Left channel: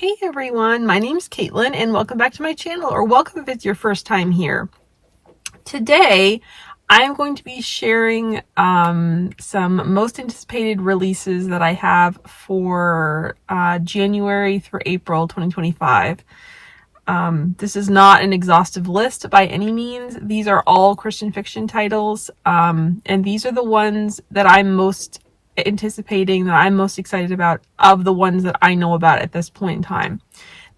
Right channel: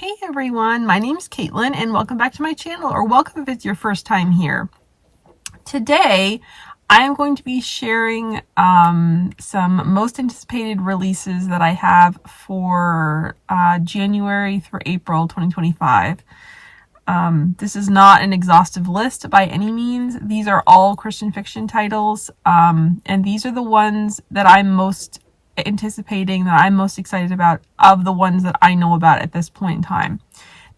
Hey everyone, my name's Caitlyn and welcome back to my channel, or welcome if it's your first time here. Today, I'm going to be sharing some most anticipated releases that I have for January through April 2025. This is not an exhaustive list by any means. These are all Christian fiction titles, and these are the ones that I'm most anticipating, that I'm most excited about, of the ones that I know about at this point in time.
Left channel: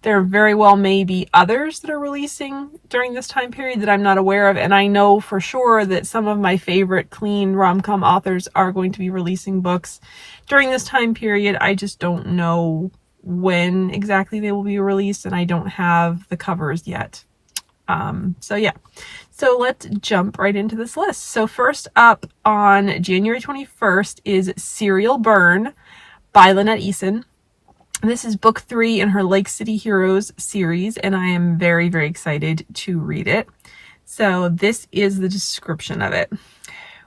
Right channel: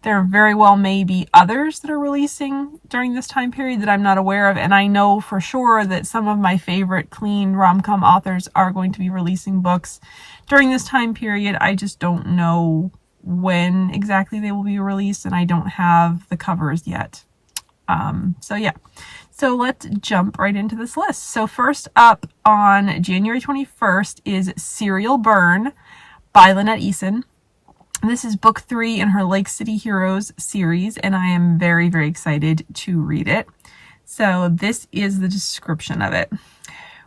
There very well may be others that are releasing during this time period that I'm not aware of, and I know for sure that some of my favorite clean rom-com authors are going to be releasing books during this time period. I just don't know when exactly they will be released, and I don't have the covers yet. So let's jump right into this list. So first up on January 21st is Serial Burn by Lynette Eason. This is book 3 in her Lake City Heroes series, and I am very, very excited to read it. So this is the description of it.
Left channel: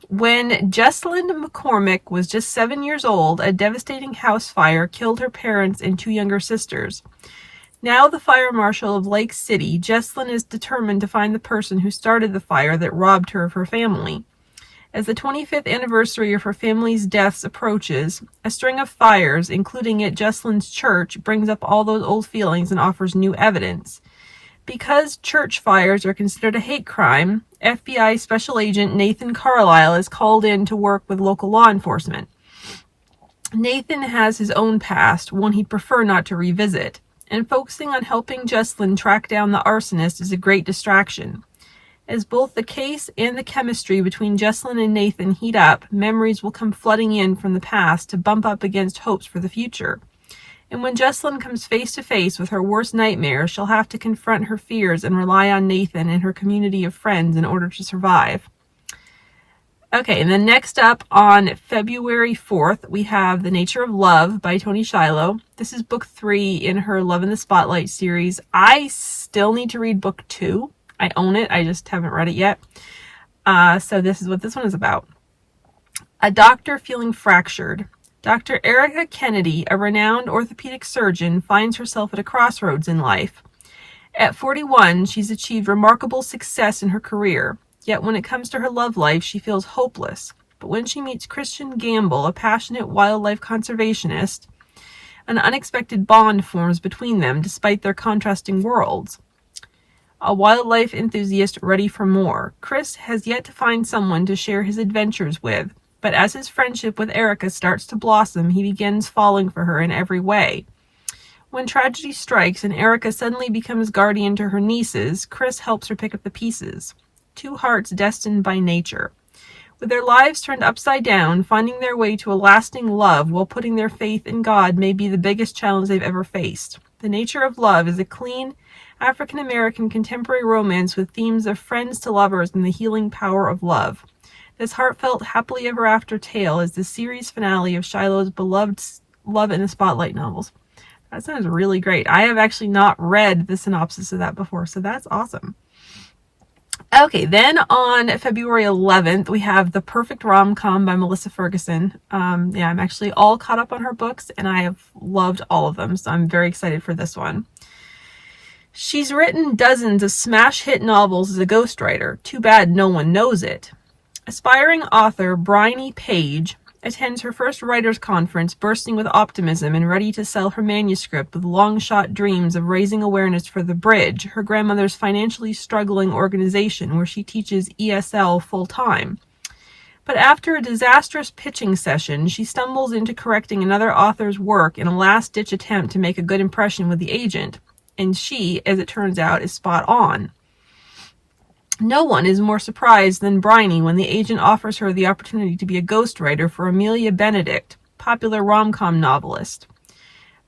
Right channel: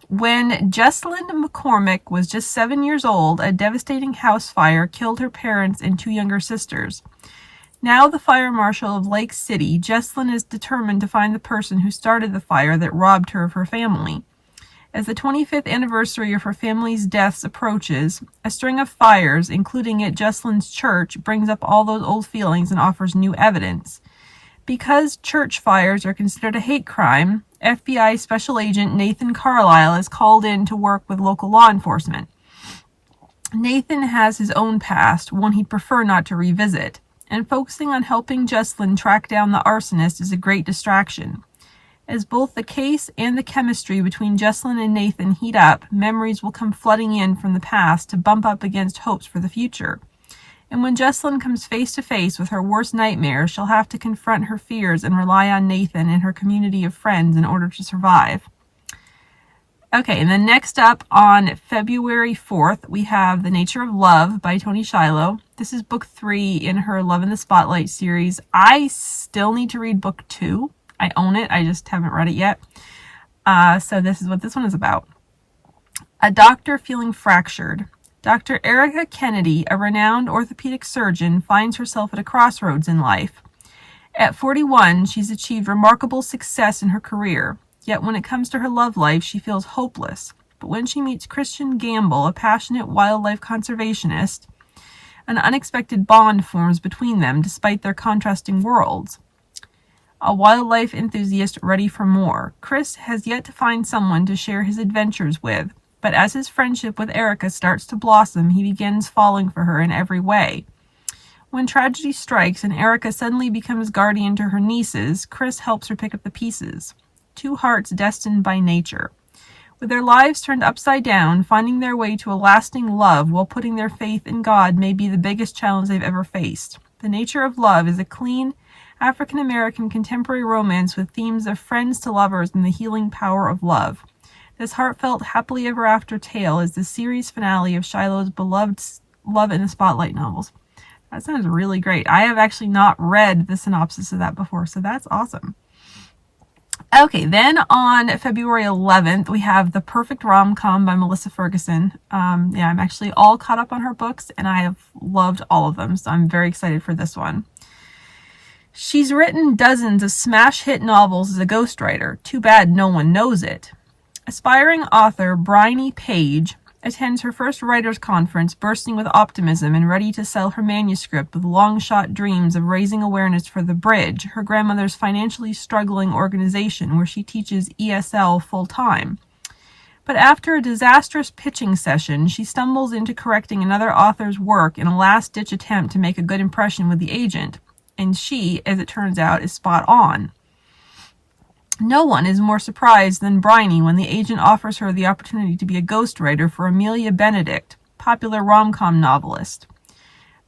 When Jessalyn McCormick was just 7 years old, a devastating house fire killed her parents and 2 younger sisters. Now the fire marshal of Lake City, Jessalyn is determined to find the person who started the fire that robbed her of her family. As the 25th anniversary of her family's deaths approaches, a string of fires, including at Jessalyn's church, brings up all those old feelings and offers new evidence. Because church fires are considered a hate crime, FBI Special Agent Nathan Carlisle is called in to work with local law enforcement. Nathan has his own past, one he'd prefer not to revisit, and focusing on helping Jessalyn track down the arsonist is a great distraction. As both the case and the chemistry between Jessalyn and Nathan heat up, memories will come flooding in from the past to bump up against hopes for the future. And when Jessalyn comes face to face with her worst nightmares, she'll have to confront her fears and rely on Nathan and her community of friends in order to survive. Okay, and then next up on February 4th, we have The Nature of Love by Toni Shiloh. This is book 3 in her Love in the Spotlight series. I still need to read book 2. I own it, I just haven't read it yet. So this is what this one is about. A doctor feeling fractured. Dr. Erica Kennedy, a renowned orthopedic surgeon, finds herself at a crossroads in life. At 41, she's achieved remarkable success in her career. Yet when it comes to her love life, she feels hopeless. But when she meets Christian Gamble, a passionate wildlife conservationist, an unexpected bond forms between them despite their contrasting worlds. A wildlife enthusiast ready for more, Chris has yet to find someone to share his adventures with, but as his friendship with Erica starts to blossom, he begins falling for her in every way. When tragedy strikes and Erica suddenly becomes guardian to her nieces, Chris helps her pick up the pieces. 2 hearts destined by nature. With their lives turned upside down, finding their way to a lasting love while putting their faith in God may be the biggest challenge they've ever faced. The Nature of Love is a clean, African-American contemporary romance with themes of friends to lovers and the healing power of love. This heartfelt, happily ever after tale is the series finale of Shiloh's beloved Love in the Spotlight novels. That sounds really great. I have actually not read the synopsis of that before, so that's awesome. Okay, then on February 11th, we have The Perfect Rom-Com by Melissa Ferguson. I'm actually all caught up on her books, and I have loved all of them, so I'm very excited for this one. She's written dozens of smash hit novels as a ghostwriter. Too bad no one knows it. Aspiring author Bryony Page attends her first writers' conference bursting with optimism and ready to sell her manuscript with long-shot dreams of raising awareness for The Bridge, her grandmother's financially struggling organization where she teaches ESL full-time. But after a disastrous pitching session, she stumbles into correcting another author's work in a last-ditch attempt to make a good impression with the agent. And she, as it turns out, is spot on. No one is more surprised than Bryony when the agent offers her the opportunity to be a ghostwriter for Amelia Benedict, popular rom-com novelist.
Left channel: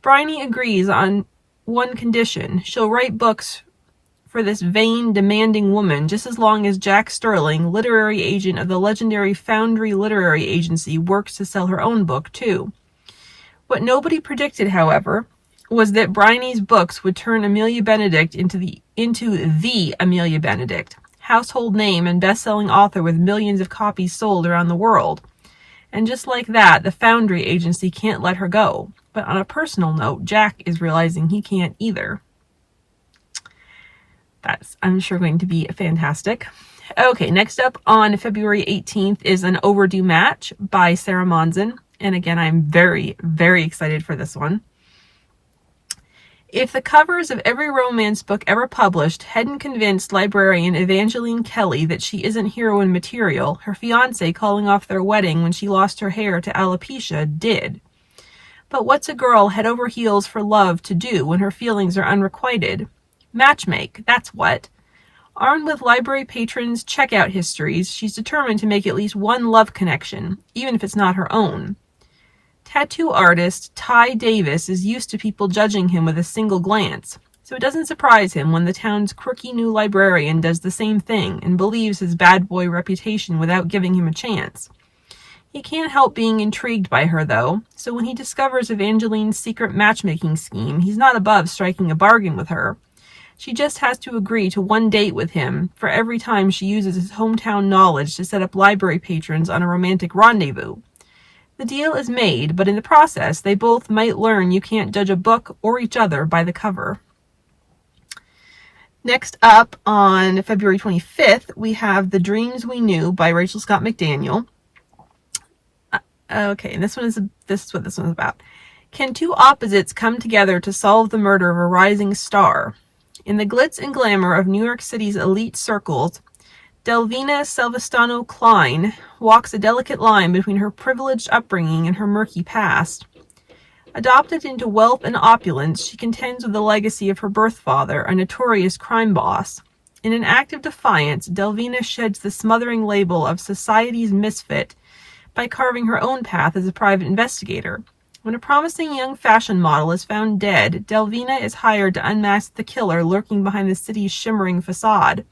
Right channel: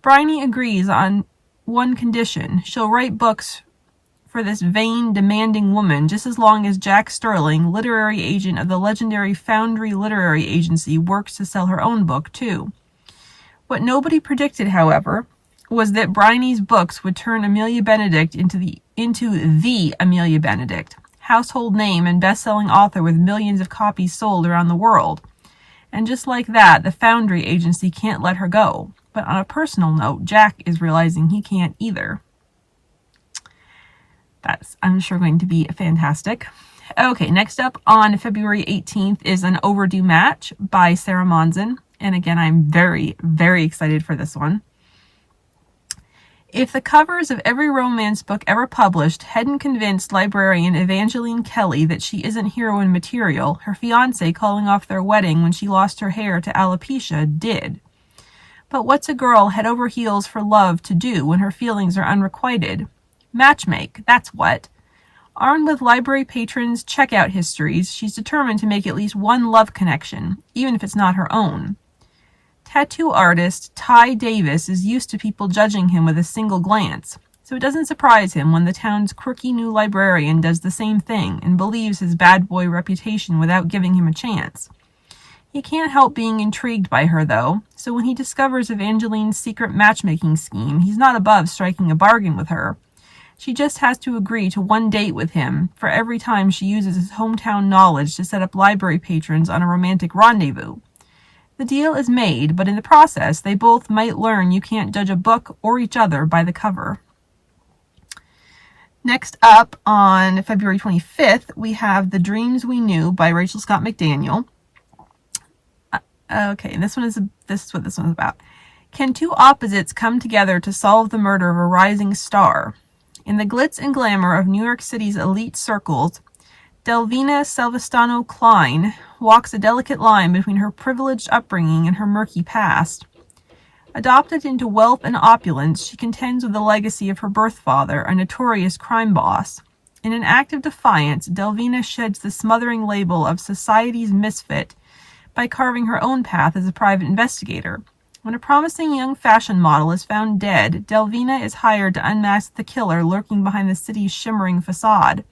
Bryony agrees on one condition: she'll write books for this vain, demanding woman just as long as Jack Sterling, literary agent of the legendary Foundry Literary Agency, works to sell her own book, too. What nobody predicted, however, was that Bryony's books would turn Amelia Benedict into the Amelia Benedict, household name and best-selling author with millions of copies sold around the world. And just like that, the Foundry agency can't let her go. But on a personal note, Jack is realizing he can't either. That's, I'm sure, going to be fantastic. Okay, next up on February 18th is An Overdue Match by Sarah Monson. And again, I'm very, very excited for this one. If the covers of every romance book ever published hadn't convinced librarian Evangeline Kelly that she isn't heroine material, her fiancé calling off their wedding when she lost her hair to alopecia did. But what's a girl head over heels for love to do when her feelings are unrequited? Matchmake, that's what. Armed with library patrons' checkout histories, she's determined to make at least one love connection, even if it's not her own. Tattoo artist Ty Davis is used to people judging him with a single glance, so it doesn't surprise him when the town's quirky new librarian does the same thing and believes his bad boy reputation without giving him a chance. He can't help being intrigued by her, though, so when he discovers Evangeline's secret matchmaking scheme, he's not above striking a bargain with her. She just has to agree to one date with him for every time she uses his hometown knowledge to set up library patrons on a romantic rendezvous. The deal is made, but in the process, they both might learn you can't judge a book or each other by the cover. Next up, on February 25th, we have The Dreams We Knew by Rachel Scott McDaniel. Okay, this is what this one's about. Can two opposites come together to solve the murder of a rising star? In the glitz and glamour of New York City's elite circles, Delvina Salvestano Klein walks a delicate line between her privileged upbringing and her murky past. Adopted into wealth and opulence, she contends with the legacy of her birth father, a notorious crime boss. In an act of defiance, Delvina sheds the smothering label of society's misfit by carving her own path as a private investigator. When a promising young fashion model is found dead, Delvina is hired to unmask the killer lurking behind the city's shimmering facade.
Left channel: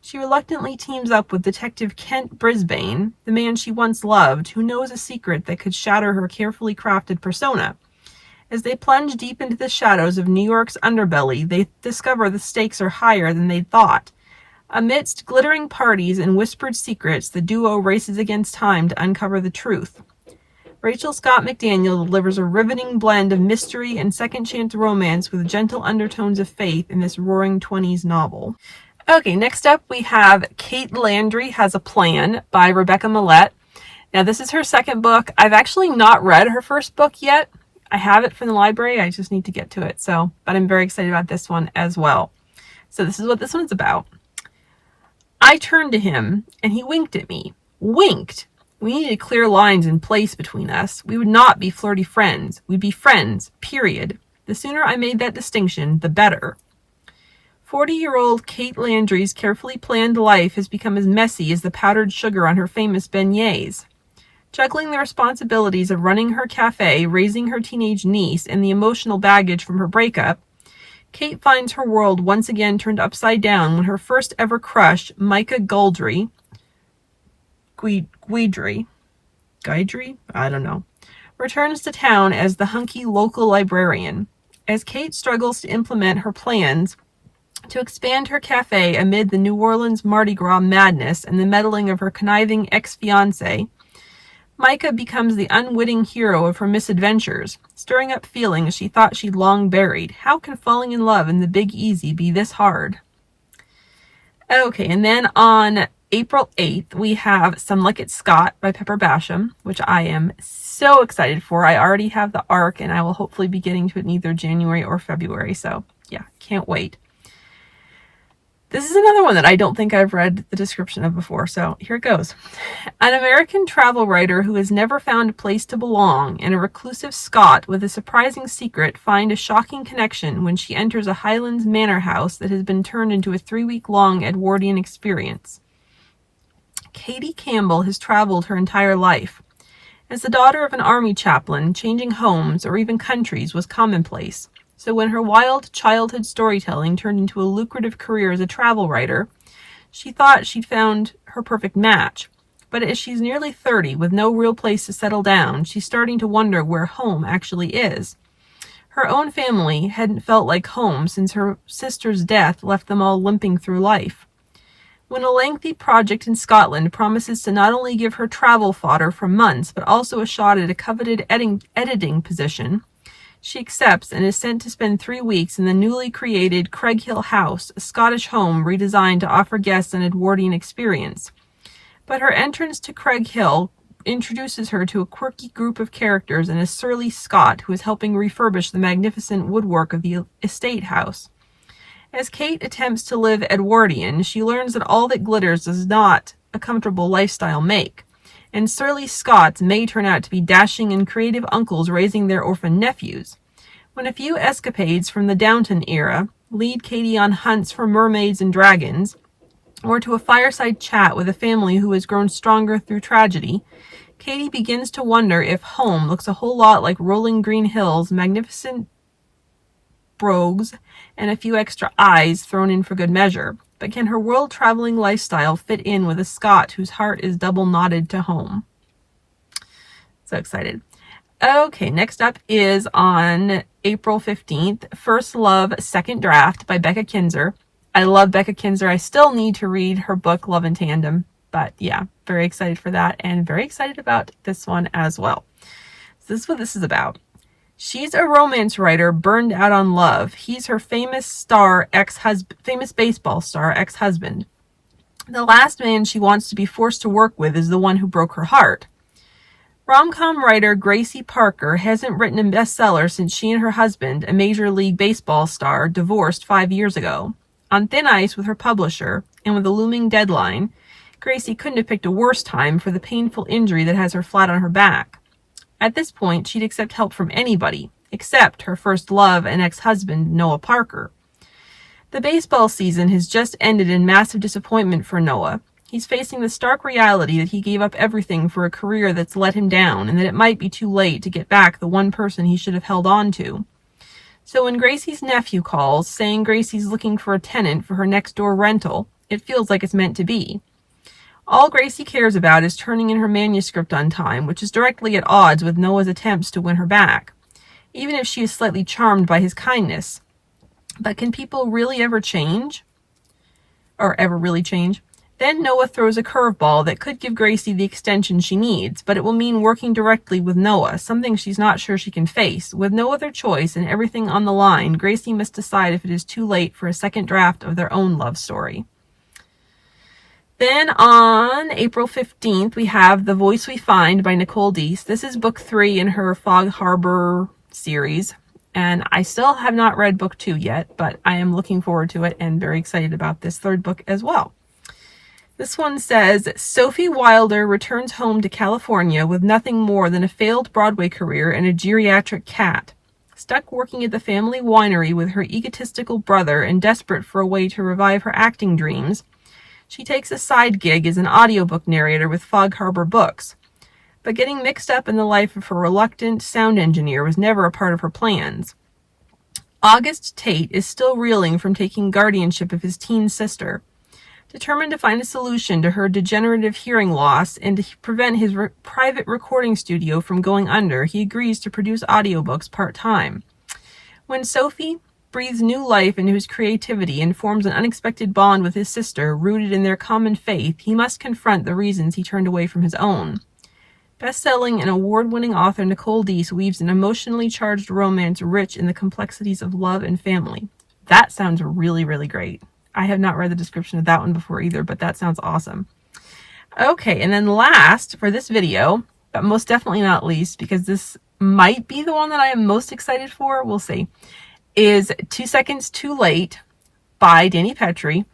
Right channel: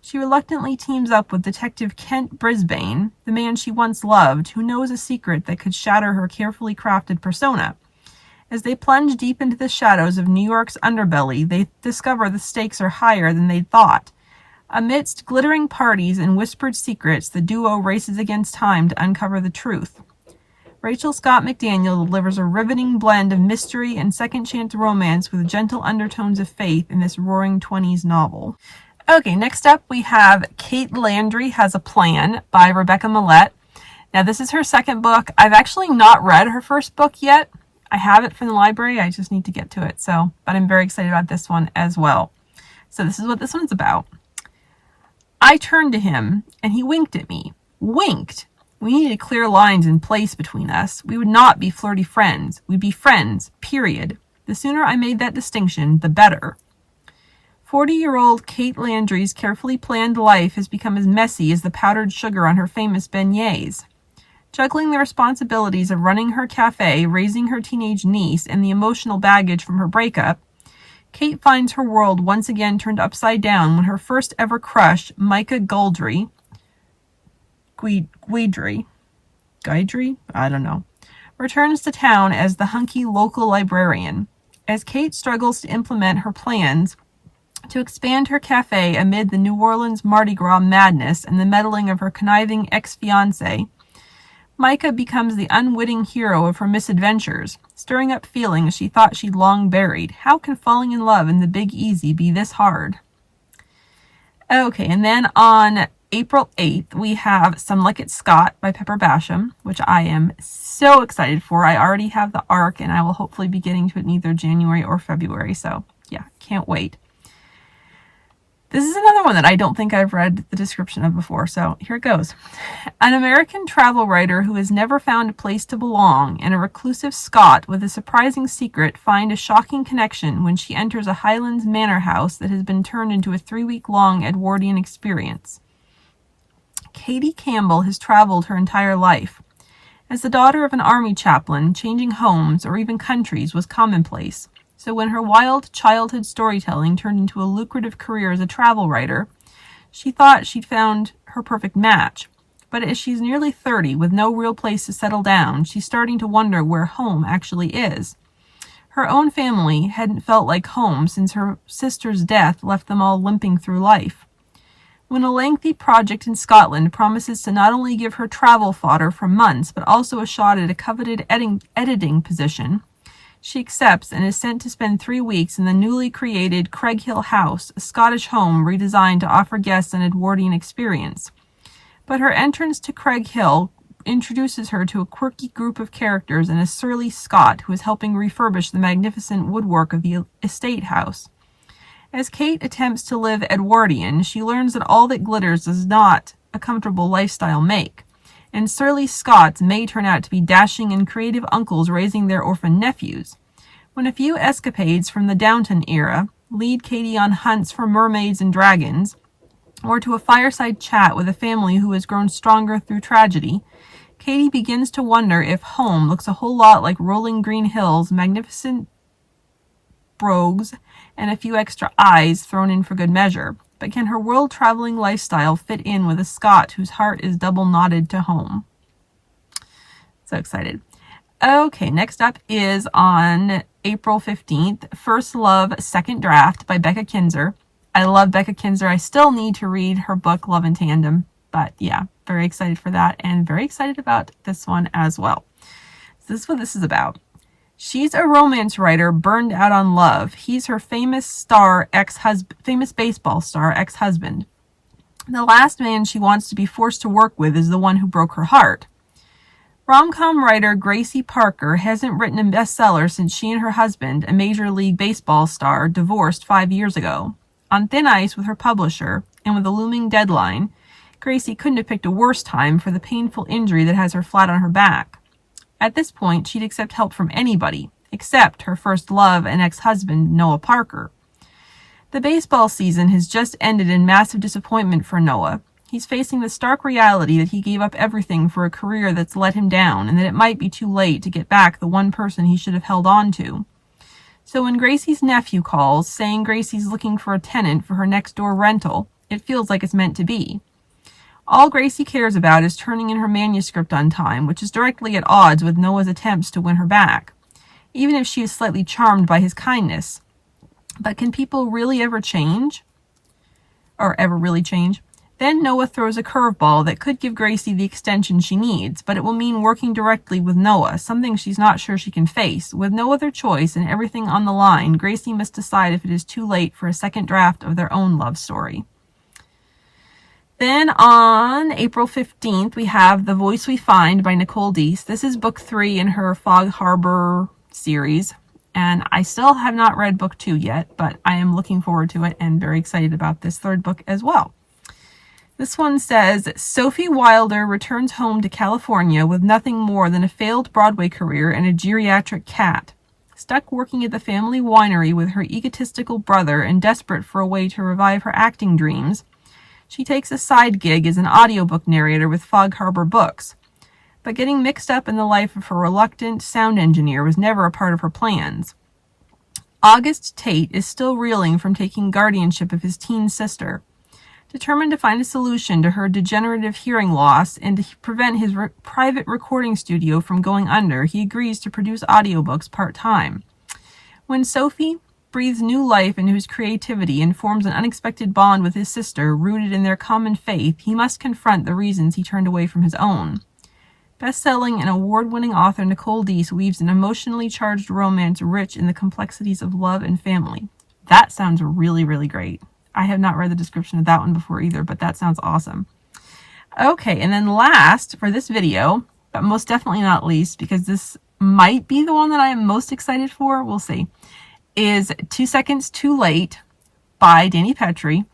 She reluctantly teams up with Detective Kent Brisbane, the man she once loved, who knows a secret that could shatter her carefully crafted persona. As they plunge deep into the shadows of New York's underbelly, they discover the stakes are higher than they'd thought. Amidst glittering parties and whispered secrets, the duo races against time to uncover the truth. Rachel Scott McDaniel delivers a riveting blend of mystery and second-chance romance with gentle undertones of faith in this roaring 20s novel. Okay, next up we have Kate Landry Has a Plan by Rebecca Millette. Now, this is her second book. I've actually not read her first book yet. I have it from the library. I just need to get to it. But I'm very excited about this one as well. So this is what this one's about. I turned to him, and he winked at me. Winked! We needed clear lines in place between us. We would not be flirty friends. We'd be friends, period. The sooner I made that distinction, the better. 40-year-old Kate Landry's carefully planned life has become as messy as the powdered sugar on her famous beignets. Juggling the responsibilities of running her cafe, raising her teenage niece, and the emotional baggage from her breakup, Kate finds her world once again turned upside down when her first ever crush, Micah Guidry, I don't know, returns to town as the hunky local librarian. As Kate struggles to implement her plans to expand her cafe amid the New Orleans Mardi Gras madness and the meddling of her conniving ex-fiancé, Micah becomes the unwitting hero of her misadventures, stirring up feelings she thought she'd long buried. How can falling in love in the Big Easy be this hard? Okay, and then on April 8th, we have Some Like It Scott by Pepper Basham, which I am so excited for. I already have the ARC, and I will hopefully be getting to it in either January or February, so yeah, can't wait. This is another one that I don't think I've read the description of before, so here it goes. An American travel writer who has never found a place to belong and a reclusive Scot with a surprising secret find a shocking connection when she enters a Highlands manor house that has been turned into a 3-week-long Edwardian experience. Katie Campbell has traveled her entire life. As the daughter of an army chaplain, changing homes or even countries was commonplace. So when her wild childhood storytelling turned into a lucrative career as a travel writer, she thought she'd found her perfect match. But as she's nearly 30 with no real place to settle down, she's starting to wonder where home actually is. Her own family hadn't felt like home since her sister's death left them all limping through life. when a lengthy project in Scotland promises to not only give her travel fodder for months, but also a shot at a coveted editing position, she accepts and is sent to spend 3 weeks in the newly created Craighill House, a Scottish home redesigned to offer guests an Edwardian experience. But her entrance to Craighill introduces her to a quirky group of characters and a surly Scot who is helping refurbish the magnificent woodwork of the estate house. As Kate attempts to live Edwardian, she learns that all that glitters does not a comfortable lifestyle make, and surly Scots may turn out to be dashing and creative uncles raising their orphan nephews. When a few escapades from the Downton era lead Katie on hunts for mermaids and dragons, or to a fireside chat with a family who has grown stronger through tragedy, Katie begins to wonder if home looks a whole lot like rolling green hills, magnificent brogues, and a few extra eyes thrown in for good measure. But can her world-traveling lifestyle fit in with a Scot whose heart is double knotted to home? So excited. Okay, next up is on April 15th, First Love, Second Draft by Becca Kinzer. I love Becca Kinzer. I still need to read her book, Love in Tandem. But yeah, very excited for that and very excited about this one as well. So this is what this is about. She's a romance writer burned out on love. He's her famous baseball star ex-husband. The last man she wants to be forced to work with is the one who broke her heart. Rom-com writer Gracie Parker hasn't written a bestseller since she and her husband, a Major League Baseball star, divorced 5 years ago. On thin ice with her publisher, and with a looming deadline, Gracie couldn't have picked a worse time for the painful injury that has her flat on her back. At this point, she'd accept help from anybody, except her first love and ex-husband, Noah Parker. The baseball season has just ended in massive disappointment for Noah. He's facing the stark reality that he gave up everything for a career that's let him down, and that it might be too late to get back the one person he should have held on to. So when Gracie's nephew calls, saying Gracie's looking for a tenant for her next-door rental, it feels like it's meant to be. All Gracie cares about is turning in her manuscript on time, which is directly at odds with Noah's attempts to win her back, even if she is slightly charmed by his kindness. But can people really ever change? Or ever really change? Then Noah throws a curveball that could give Gracie the extension she needs, but it will mean working directly with Noah, something she's not sure she can face. With no other choice and everything on the line, Gracie must decide if it is too late for a second draft of their own love story. Then on April 15th, we have The Voice We Find by Nicole Deese. This is book 3 in her Fog Harbor series, and I still have not read book 2 yet, but I am looking forward to it and very excited about this third book as well. This one says, Sophie Wilder returns home to California with nothing more than a failed Broadway career and a geriatric cat. Stuck working at the family winery with her egotistical brother and desperate for a way to revive her acting dreams, she takes a side gig as an audiobook narrator with Fog Harbor Books. But getting mixed up in the life of her reluctant sound engineer was never a part of her plans. August Tate is still reeling from taking guardianship of his teen sister. Determined to find a solution to her degenerative hearing loss and to prevent his private recording studio from going under, he agrees to produce audiobooks part-time. When Sophie breathes new life into his creativity and forms an unexpected bond with his sister, rooted in their common faith, he must confront the reasons he turned away from his own. Best-selling and award-winning author Nicole Deese weaves an emotionally charged romance rich in the complexities of love and family. That sounds really, really great. I have not read the description of that one before either, but that sounds awesome. Okay, and then last for this video, but most definitely not least, because this might be the one that I am most excited for, we'll see, is 2 Seconds Too Late by Dani Petrie.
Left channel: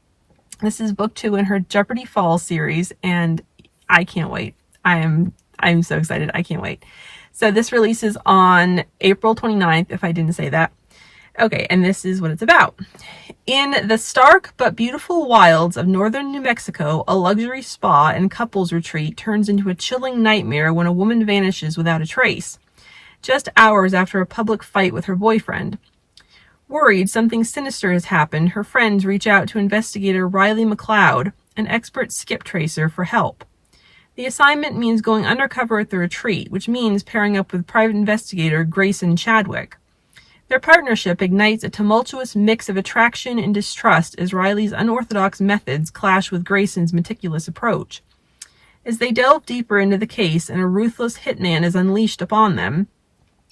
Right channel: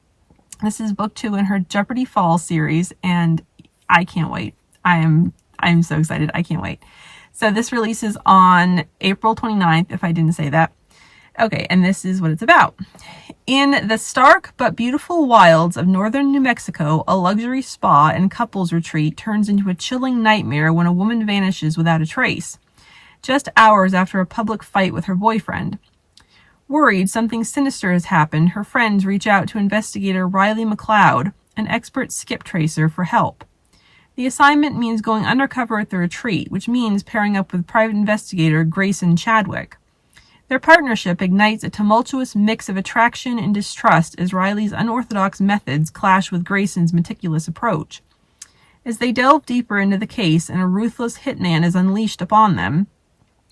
This is book 2 in her Jeopardy Falls series, and I can't wait. I'm so excited. I can't wait. So this releases on April 29th, if I didn't say that. Okay, and this is what it's about. In the stark but beautiful wilds of northern New Mexico, a luxury spa and couples retreat turns into a chilling nightmare when a woman vanishes without a trace, just hours after a public fight with her boyfriend. Worried something sinister has happened, her friends reach out to investigator Riley McLeod, an expert skip tracer, for help. The assignment means going undercover at the retreat, which means pairing up with private investigator Grayson Chadwick. Their partnership ignites a tumultuous mix of attraction and distrust as Riley's unorthodox methods clash with Grayson's meticulous approach. As they delve deeper into the case and a ruthless hitman is unleashed upon them,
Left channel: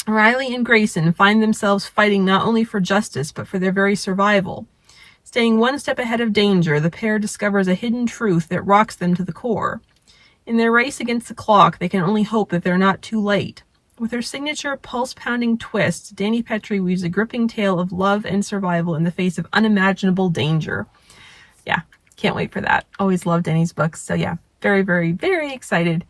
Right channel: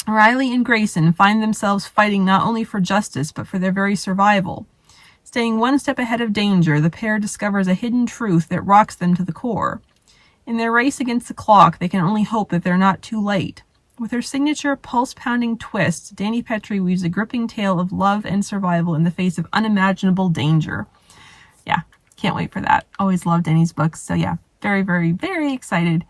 Riley and Grayson find themselves fighting not only for justice but for their very survival. Staying one step ahead of danger, the pair discovers a hidden truth that rocks them to the core. In their race against the clock, they can only hope that they're not too late. With her signature pulse-pounding twist, Dani Petrie weaves a gripping tale of love and survival in the face of unimaginable danger. Yeah, can't wait for that. Always loved Dani's books, so yeah, very, very, very excited.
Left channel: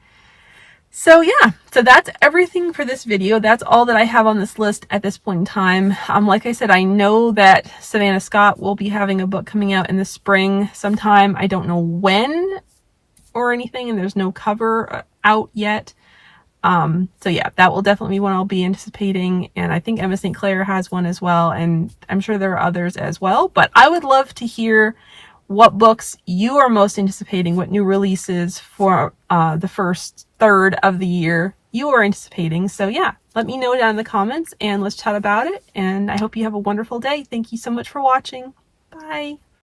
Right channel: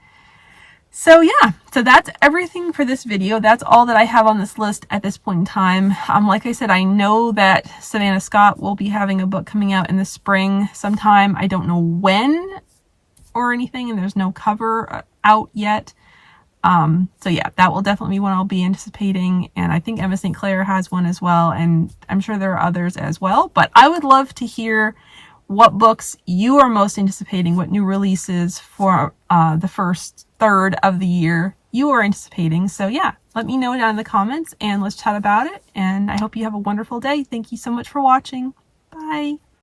So yeah, so that's everything for this video. That's all that I have on this list at this point in time. Like I said, I know that Savannah Scott will be having a book coming out in the spring sometime. I don't know when or anything, and there's no cover out yet. So yeah, that will definitely be one I'll be anticipating. And I think Emma St. Clair has one as well. And I'm sure there are others as well, but I would love to hear what books you are most anticipating, what new releases for the first third of the year you are anticipating. So yeah, let me know down in the comments and let's chat about it. And I hope you have a wonderful day. Thank you so much for watching. Bye.